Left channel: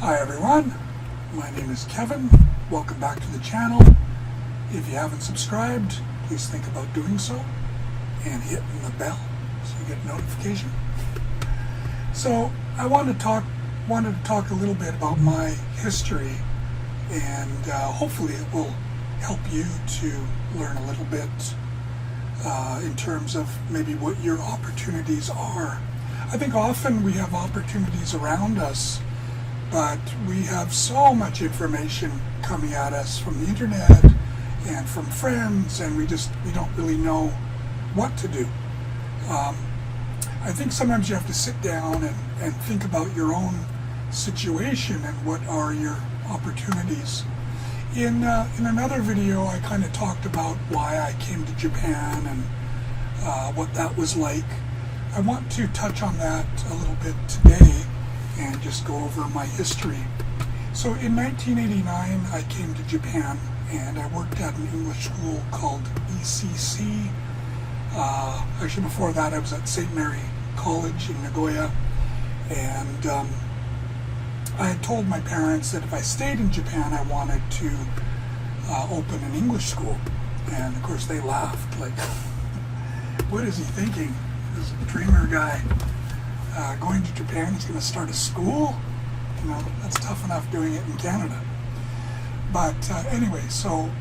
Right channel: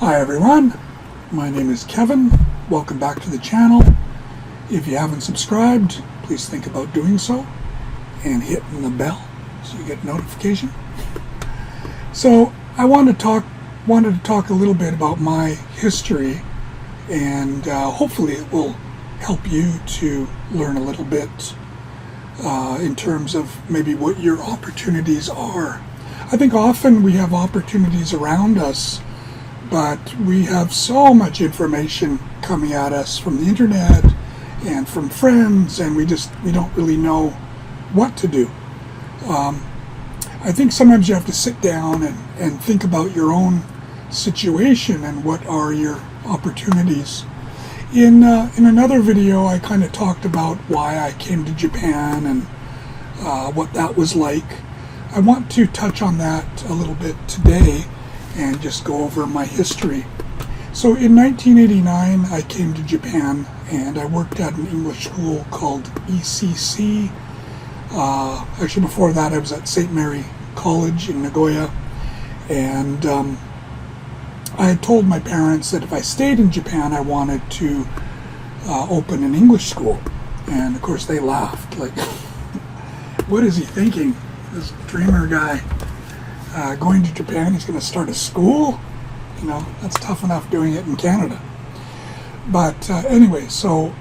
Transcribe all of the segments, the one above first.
Hi everyone, my name is Kevin. Welcome back to the channel. If you haven't subscribed, please think about doing so and hitting the bell so you get notification. So I wanted to talk a little bit about my history, and hopefully it will help you to learn a little bit in terms of maybe what your opportunities are. I think often we have opportunities around us, but we have so much information coming at us from the internet and from friends, and we don't really know what to do. I think sometimes you have to sit down and think about your own situation and what are your opportunities. In another video, I kind of talked about why I came to Japan and what that was like. I want to touch on that a little bit today and just go over my history. So in 1989, I came to Japan and I worked at an English school called ECC. Actually, before that, I was at St. Mary College in Nagoya, and I had told my parents that if I stayed in Japan, I wanted to open an English school. And of course, they laughed, like, what is he thinking? This dreamer guy going to Japan, he's going to start a school? You know, that's tough enough doing it in Canada. But anyway, so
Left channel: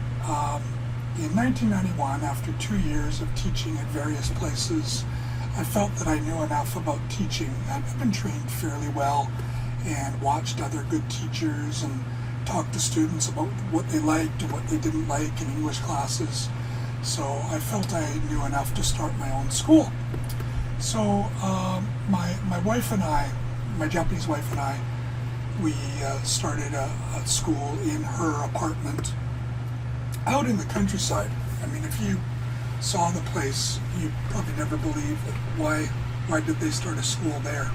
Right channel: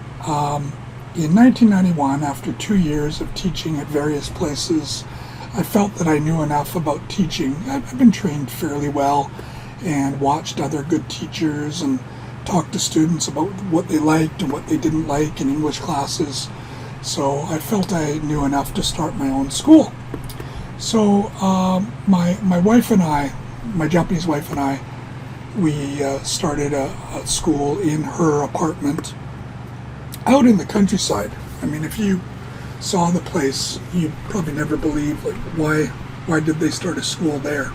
in 1991, after 2 years of teaching at various places, I felt that I knew enough about teaching. I've been trained fairly well and watched other good teachers and talked to students about what they liked and what they didn't like in English classes. So I felt I knew enough to start my own school. So my wife and I, my Japanese wife and I, we started a school in her apartment out in the countryside. I mean, if you saw the place, you'd probably never believe, like, why did they start a school there?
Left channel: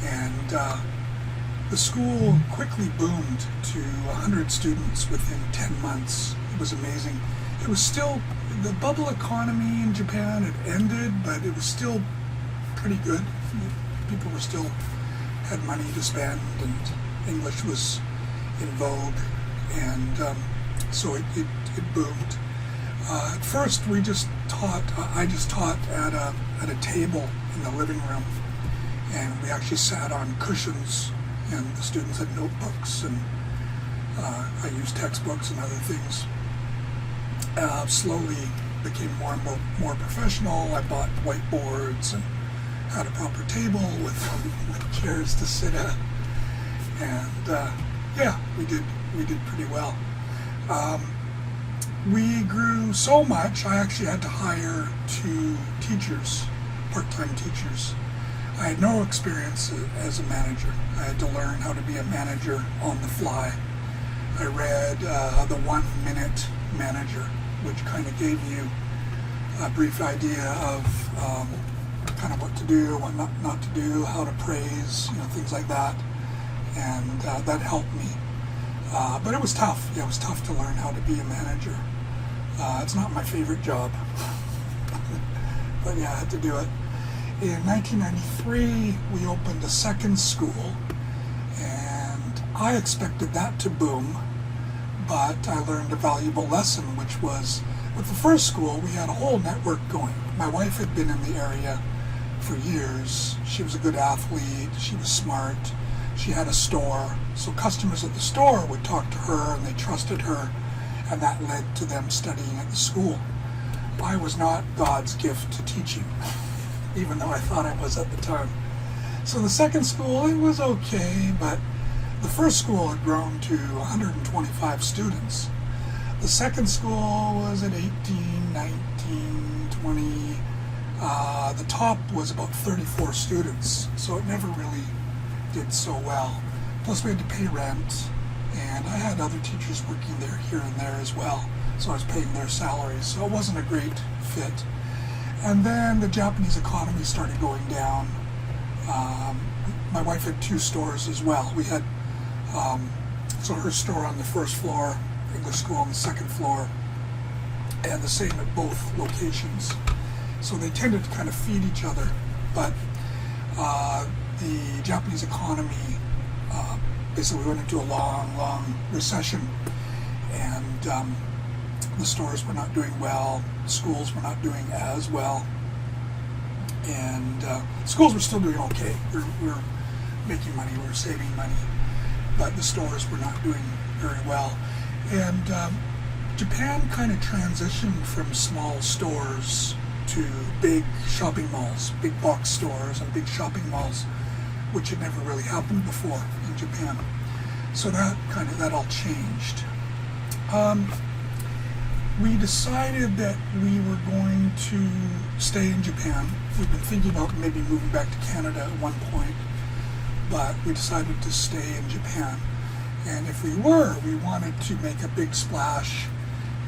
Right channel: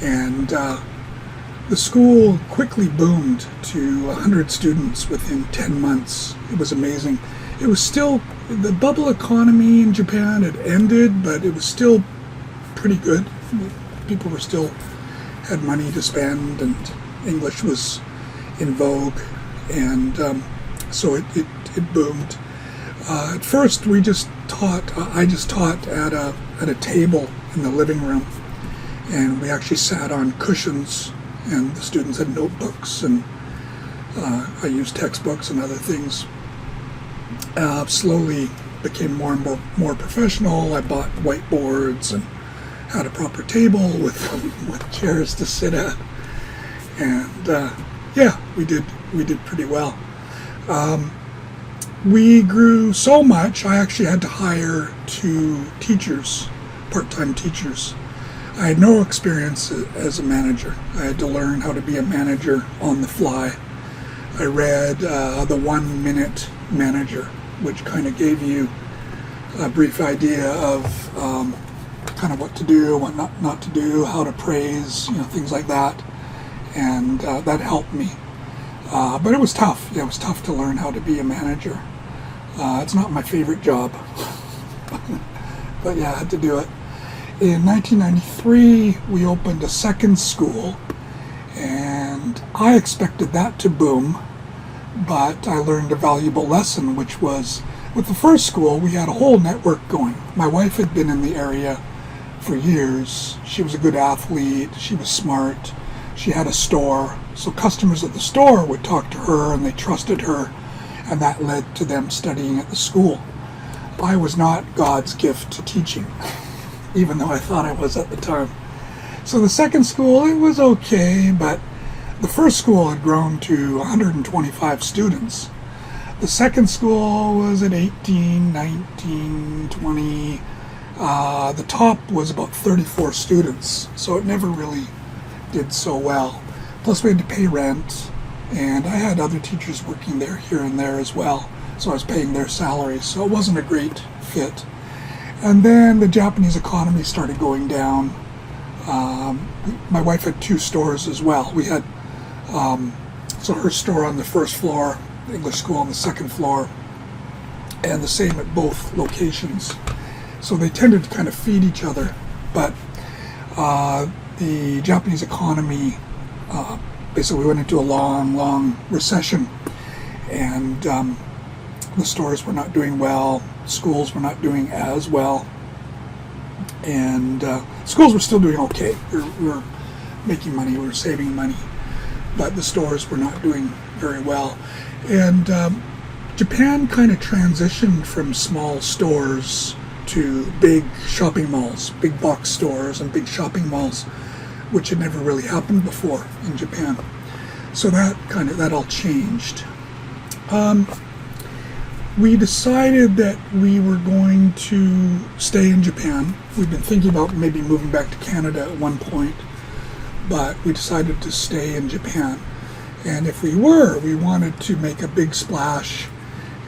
And the school quickly boomed to 100 students within 10 months. It was amazing. It was still, the bubble economy in Japan had ended, but it was still pretty good. People were still had money to spend, and English was in vogue, and so it boomed. At first, I just taught at a table in the living room, and we actually sat on cushions, and the students had notebooks, and I used textbooks and other things. Slowly became more and more professional. I bought whiteboards and had a proper table with chairs to sit at, and yeah, we did pretty well. We grew so much, I actually had to hire 2 teachers, part-time teachers. I had no experience as a manager. I had to learn how to be a manager on the fly. I read the 1 Minute Manager, which kind of gave you a brief idea of kind of what to do, what not to do, how to praise, things like that, and that helped me. But it was tough. Yeah, it was tough to learn how to be a manager. It's not my favorite job, but yeah, I had to do it. In 1993, we opened a second school, and I expected that to boom, but I learned a valuable lesson, which was, with the first school, we had a whole network going. My wife had been in the area for years. She was a good athlete. She was smart. She had a store. So customers at the store would talk to her, and they trusted her, and that led to them studying at the school. I was not God's gift to teaching, even though I thought I was at the time. So the second school, it was okay, but the first school had grown to 125 students. The second school was at 18, 19, 20. The top was about 34 students, so it never really did so well. Plus we had to pay rent, and I had other teachers working there here and there as well, so I was paying their salaries, so it wasn't a great fit. And then the Japanese economy started going down. My wife had 2 stores as well. We had so her store on the first floor, English school on the second floor, and the same at both locations. So they tended to kind of feed each other, but the Japanese economy basically we went into a long recession, and the stores were not doing well, schools were not doing as well, and schools were still doing okay. We were making money, we were saving money, but the stores were not doing very well. And Japan kind of transitioned from small stores to big shopping malls, big box stores and big shopping malls, which had never really happened before in Japan. So that all changed. We decided that we were going to stay in Japan. We've been thinking about maybe moving back to Canada at one point, but we decided to stay in Japan. And if we wanted to make a big splash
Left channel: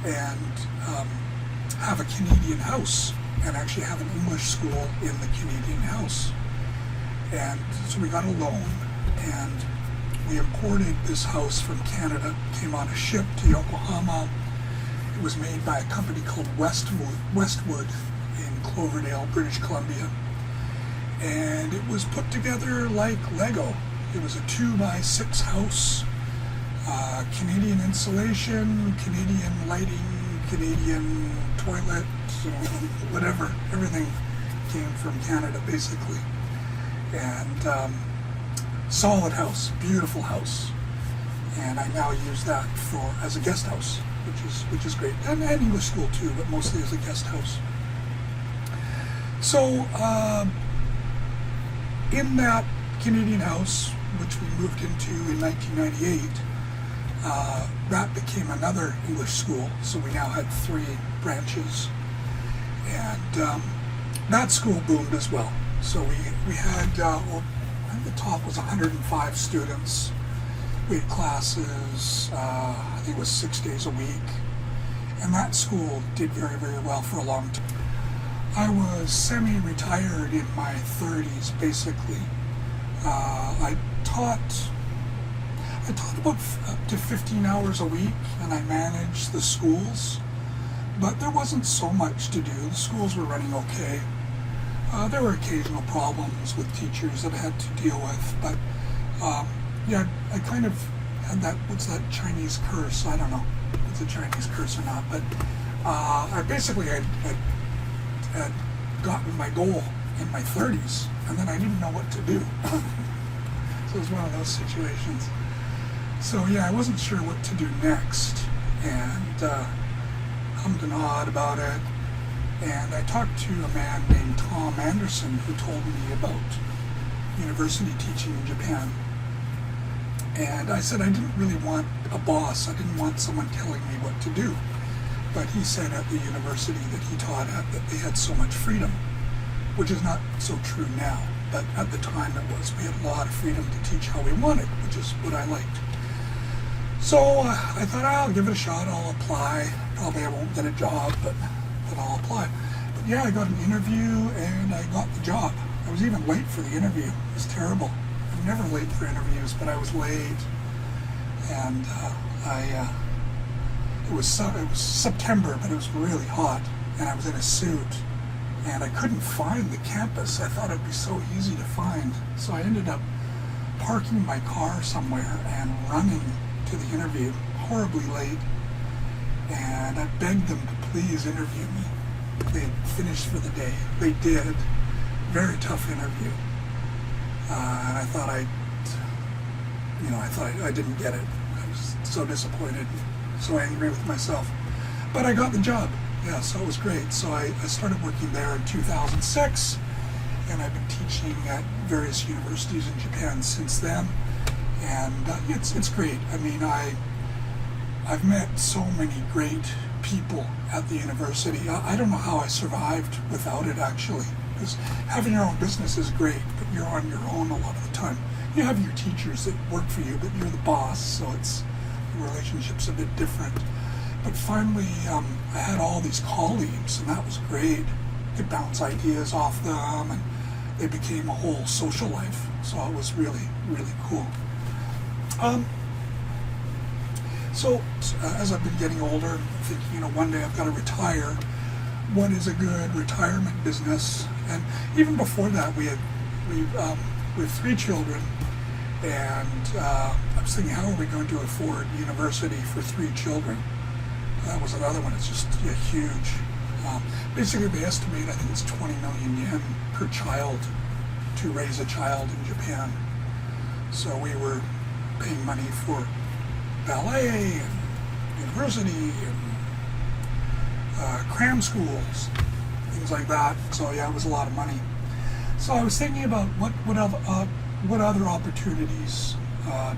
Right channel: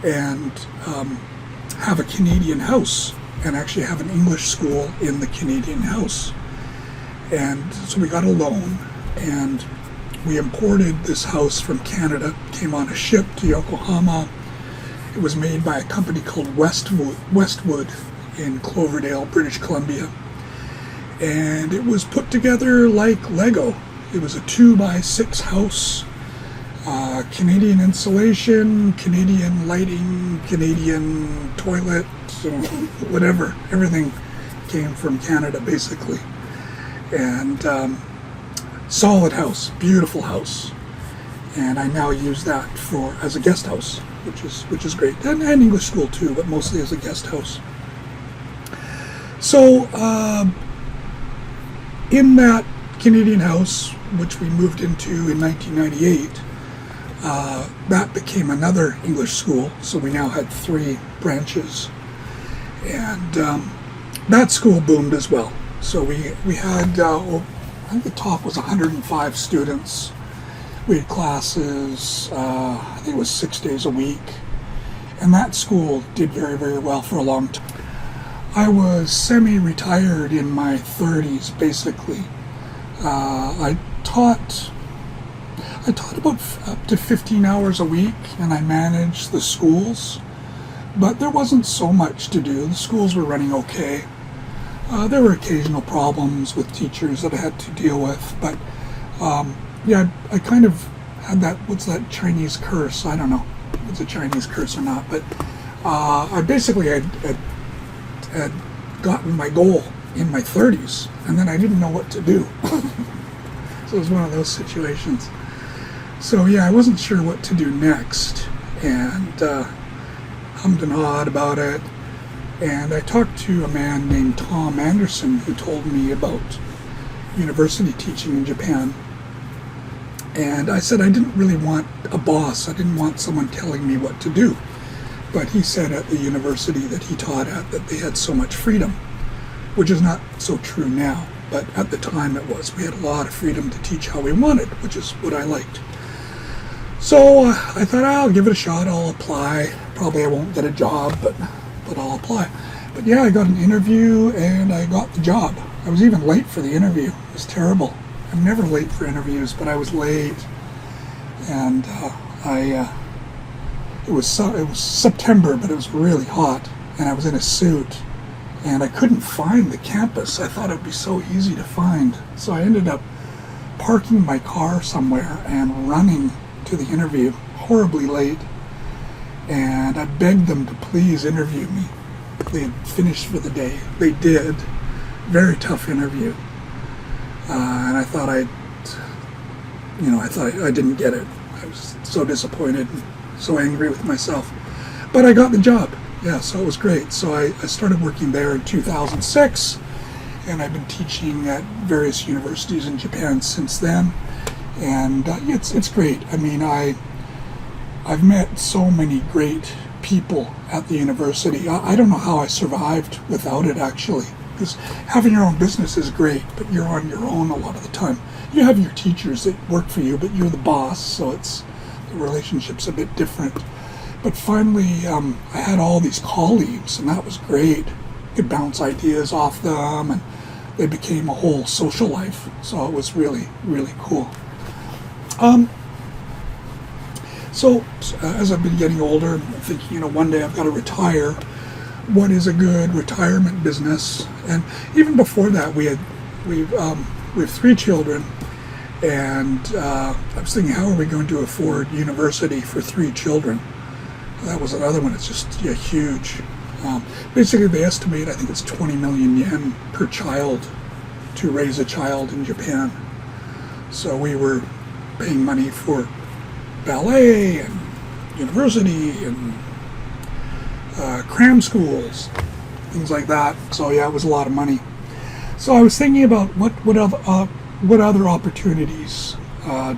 and have a Canadian house and actually have an English school in the Canadian house. And so we got a loan, and we imported this house from Canada, came on a ship to Yokohama. It was made by a company called Westwood in Cloverdale, British Columbia. And it was put together like Lego. It was a 2x6 house, Canadian insulation, Canadian lighting, Canadian toilet, whatever. Everything came from Canada, basically. And solid house, beautiful house. And I now use that as a guest house, which is great, and English school too, but mostly as a guest house. So in that Canadian house, which we moved into in 1998, that became another English school. So we now had 3 branches, and that school boomed as well. So we had, I think the top was 105 students. We had classes, I think it was 6 days a week. And that school did very, very well for a long time. I was semi-retired in my 30s, basically. I taught about up to 15 hours a week, and I managed the schools. But there wasn't so much to do. The schools were running okay. There were occasional problems with teachers that I had to deal with, but yeah, I kind of had that, what's that Chinese curse? I don't know if it's a Chinese curse or not, but I basically had gotten my goal in my 30s, and then I didn't know what to do. So it was one of those situations. So yeah, I wasn't sure what to do next, and hummed and hawed about it. And I talked to a man named Tom Anderson who told me about university teaching in Japan. And I said I didn't really want a boss. I didn't want someone telling me what to do. But he said at the university that he taught at that they had so much freedom, which is not so true now. But at the time it was. We had a lot of freedom to teach how we wanted, which is what I liked. So I thought I'll give it a shot. I'll apply. Probably I won't get a job, but I'll apply. But yeah, I got an interview and I got the job. I was even late for the interview. It was terrible. I'm never late for interviews, but I was late. And it was September, but it was really hot, and I was in a suit, and I couldn't find the campus. I thought it'd be so easy to find. So I ended up parking my car somewhere and running to the interview, horribly late. And I begged them to please interview me. They had finished for the day. They did. Very tough interview. And I thought I didn't get it. I was so disappointed, and so angry with myself. But I got the job. Yeah, so it was great. So I started working there in 2006, and I've been teaching at various universities in Japan since then. And it's great. I mean, I've met so many great people at the university. I don't know how I survived without it, actually, because having your own business is great, but you're on your own a lot of the time. You have your teachers that work for you, but you're the boss, so the relationship's a bit different. But finally, I had all these colleagues, and that was great. You could bounce ideas off them, and they became a whole social life, so it was really, really cool. So as I've been getting older, I'm thinking, one day I've got to retire. What is a good retirement business? And even before that, we have 3 children, And I was thinking, how are we going to afford university for 3 children? That was another one. It's just huge. Basically, they estimate, I think it's 20 million yen per child to raise a child in Japan. So we were paying money for ballet and university and cram schools, things like that. So yeah, it was a lot of money. So I was thinking about what other opportunities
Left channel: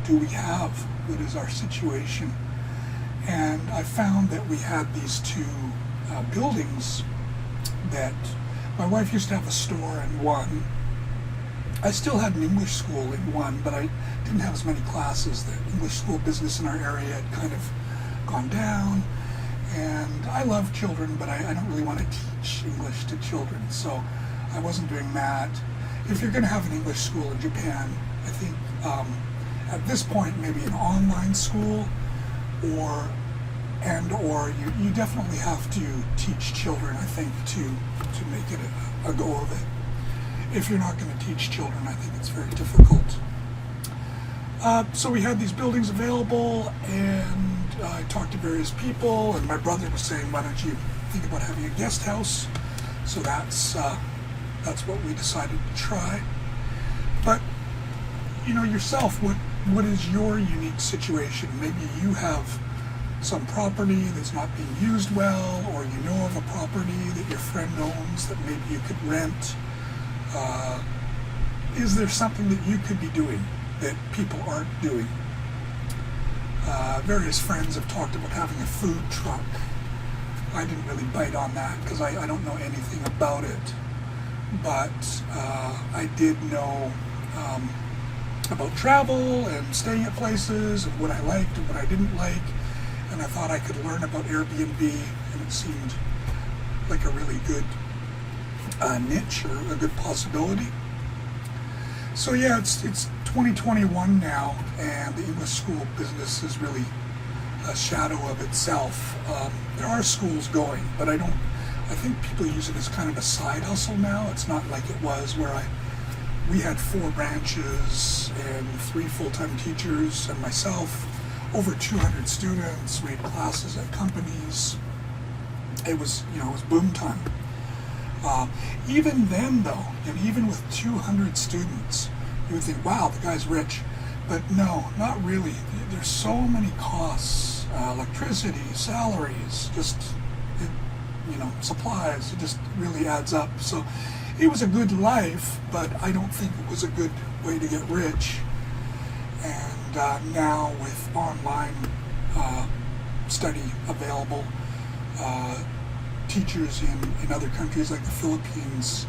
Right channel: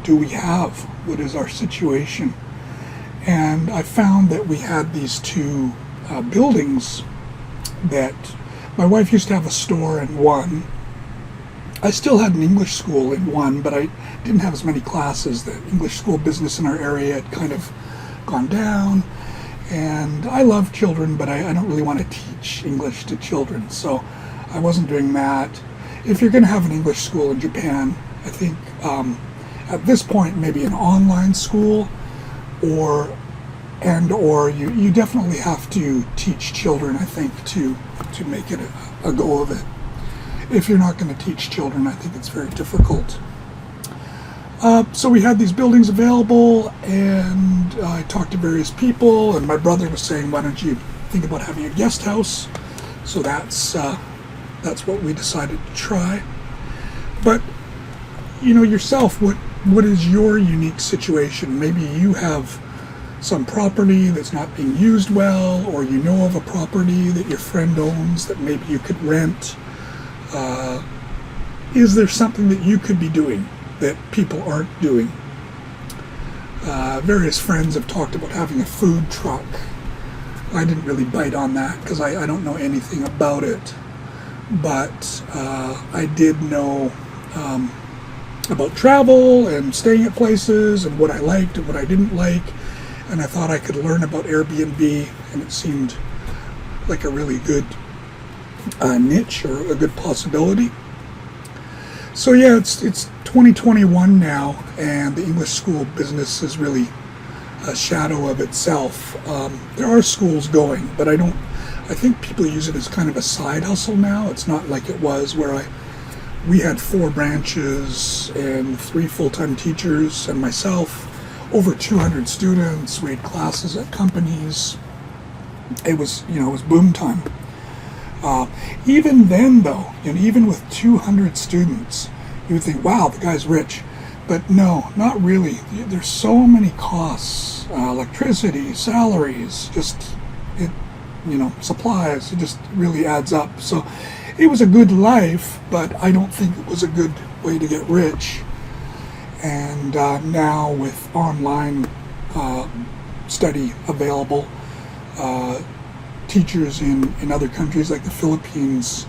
do we have? What is our situation? And I found that we had these 2 buildings that my wife used to have a store in one. I still had an English school in one, but I didn't have as many classes. The English school business in our area had kind of gone down. And I love children, but I don't really want to teach English to children. So I wasn't doing that. If you're going to have an English school in Japan, I think at this point maybe an online school, or you definitely have to teach children, I think, to make it a go of it. If you're not going to teach children, I think it's very difficult. So we had these buildings available, and I talked to various people, and my brother was saying, why don't you think about having a guest house? So that's what we decided to try. But yourself, what is your unique situation? Maybe you have some property that's not being used well, or you know of a property that your friend owns that maybe you could rent. Is there something that you could be doing that people aren't doing? Various friends have talked about having a food truck. I didn't really bite on that because I don't know anything about it. But I did know about travel and staying at places and what I liked and what I didn't like. And I thought I could learn about Airbnb, and it seemed like a really good niche or a good possibility. So yeah, it's 2021 now, and the English school business is really a shadow of itself. There are schools going, but I think people use it as kind of a side hustle now. It's not like it was where we had 4 branches and 3 full-time teachers and myself, over 200 students. We had classes at companies. It was boom time. Even then, though, and even with 200 students, you would think, wow, the guy's rich. But no, not really. There's so many costs, electricity, salaries, supplies. It just really adds up. So it was a good life, but I don't think it was a good way to get rich. And now with online study available, teachers in other countries like the Philippines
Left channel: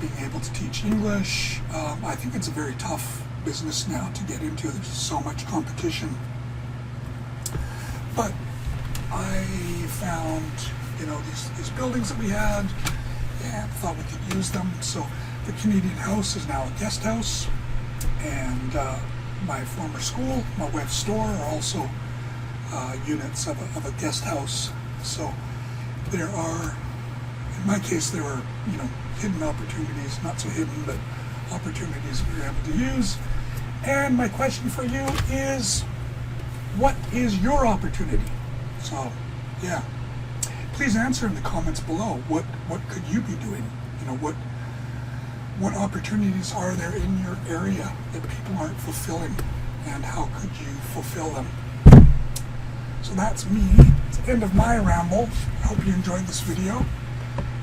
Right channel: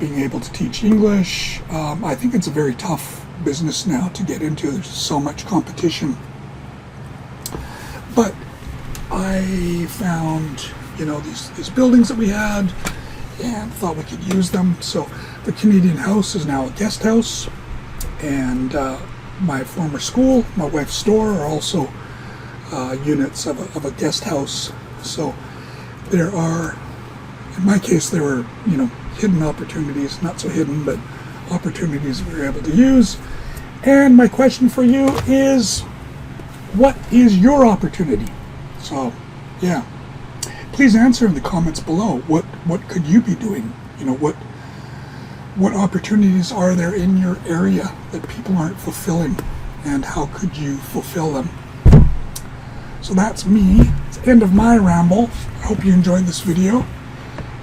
being able to teach English, I think it's a very tough business now to get into. There's so much competition. But I found these buildings that we had and thought we could use them. So the Canadian house is now a guest house, and my former school, my wife's store, are also units of a guest house. So there are, in my case, there were hidden opportunities, not so hidden, but opportunities we were able to use. And my question for you is, what is your opportunity? So yeah, please answer in the comments below. What could you be doing? What opportunities are there in your area that people aren't fulfilling, and how could you fulfill them? So that's me. It's the end of my ramble. I hope you enjoyed this video,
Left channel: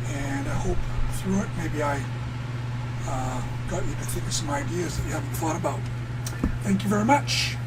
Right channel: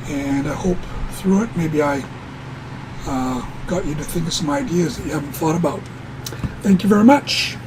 and I hope through it maybe I got you to think of some ideas that you haven't thought about. Thank you very much.